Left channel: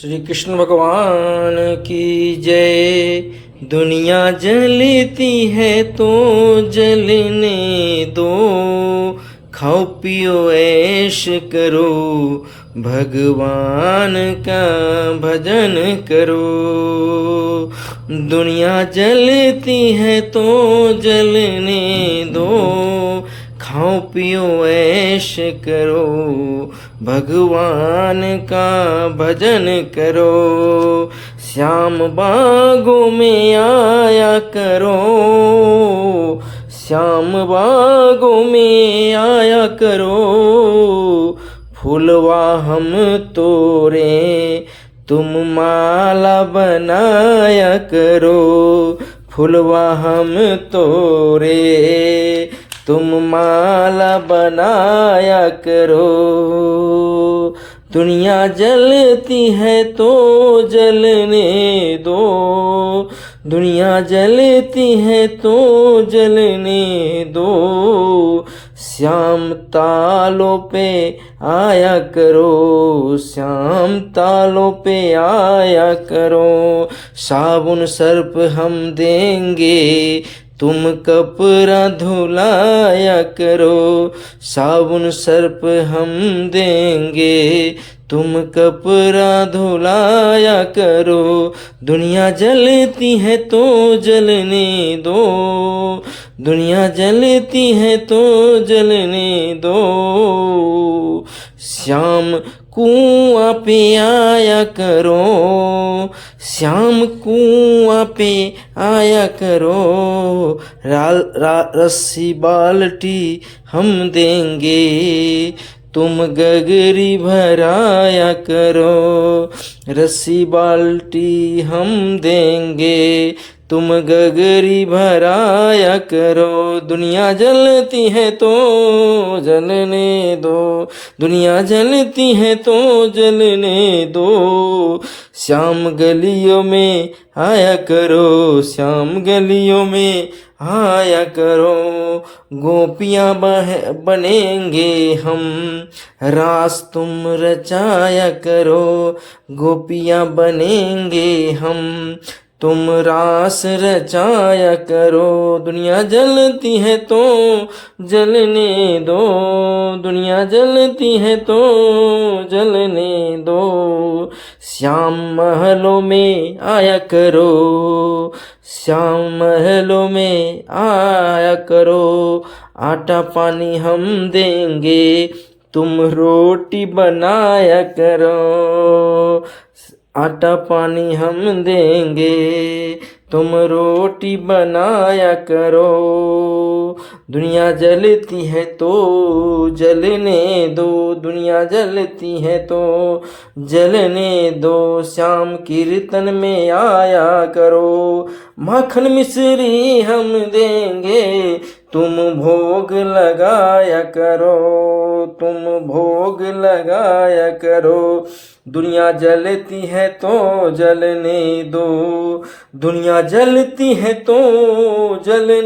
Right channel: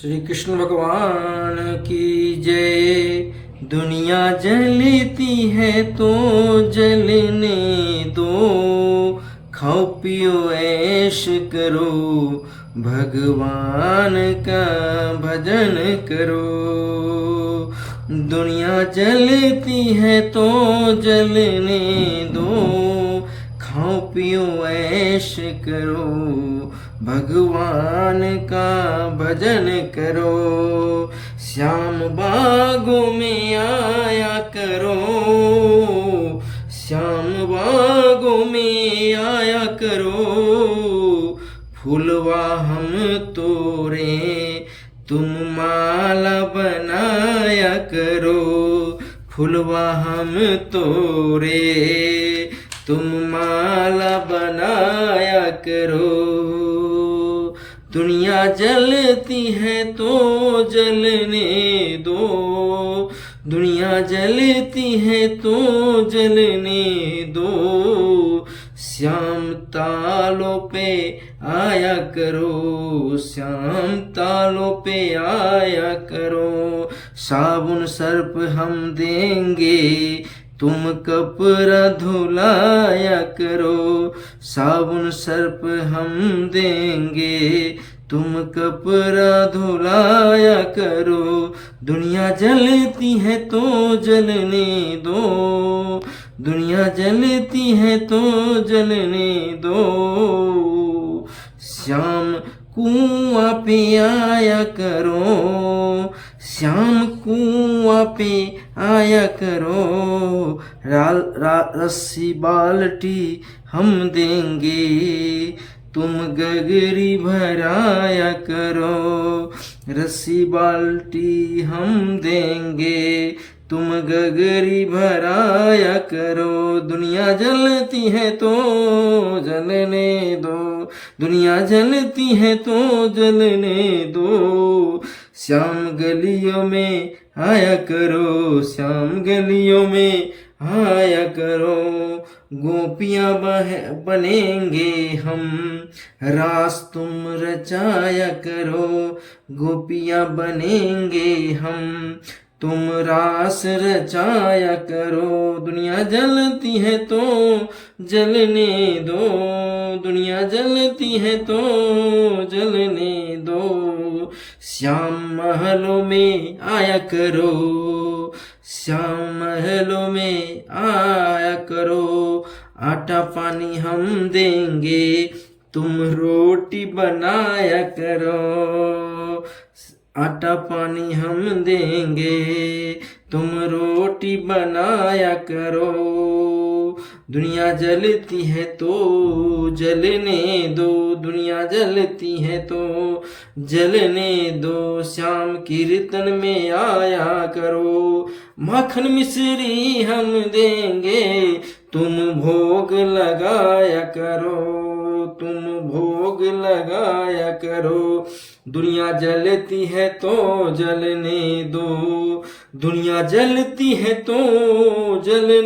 श्री कृष्ण भगवान की जय। दुनिया जलती है तो जलने दो, खाओ पियो ऐश करो, भगवान का भजन करो। दुनिया जलती है तो जलने दो, खाओ पियो ऐश करो, भगवान का भजन करो। श्याम बागों में आया करो, श्याम बागों में आया करो, फूलवा हम तोरे तुम माला बनाया करो, फूलवा हम तोरे तुम माला बनाया करो। दुनिया जलती है तो जलने दो, दुनिया जलती है तो जलने दो, श्याम तालों पे आया करो, श्याम तालों पे आया करो। साबुन सर्प हम देंगे तुम कपड़ा धुलाया करो, साबुन सर्प हम देंगे तुम कपड़ा धुलाया करो। दुनिया जलती है तो जलने दो, दुनिया जलती है तो जलने दो, श्याम कुआं पे आया करो, श्याम कुआं पे आया करो। रस्सी बाल्टी हम देंगे तुम गगरी भराया करो, रस्सी बाल्टी हम देंगे तुम गगरी भराया करो। दुनिया जलती है तो जलने दो, दुनिया जलती है तो जलने दो, श्याम गलियों में आया करो, श्याम गलियों में आया करो। गोपियाँ बनेंगे हम, रास तुम रचाया करो, गोपियाँ बनेंगे हम, तुम रास रचाया करो। दुनिया जलती है तो जलने दो, दुनिया जलती है तो जलने दो, श्याम महलों में आया करो, श्याम महलों में आया करो। आटा पानी हम देंगे तुम रोटी बनाया करो, आटा पानी हम देंगे तुम रोटी बनाया करो। दुनिया जलती है तो जलने दो, दुनिया जलती है तो जलने दो, श्याम कीर्तन में आया करो। माखन मिश्री हम देंगे तुम भोग लगाया करो, तुम भोग लगाया करो। दुनिया जलती है तो जलने दो, दुनिया जलती है तो जलने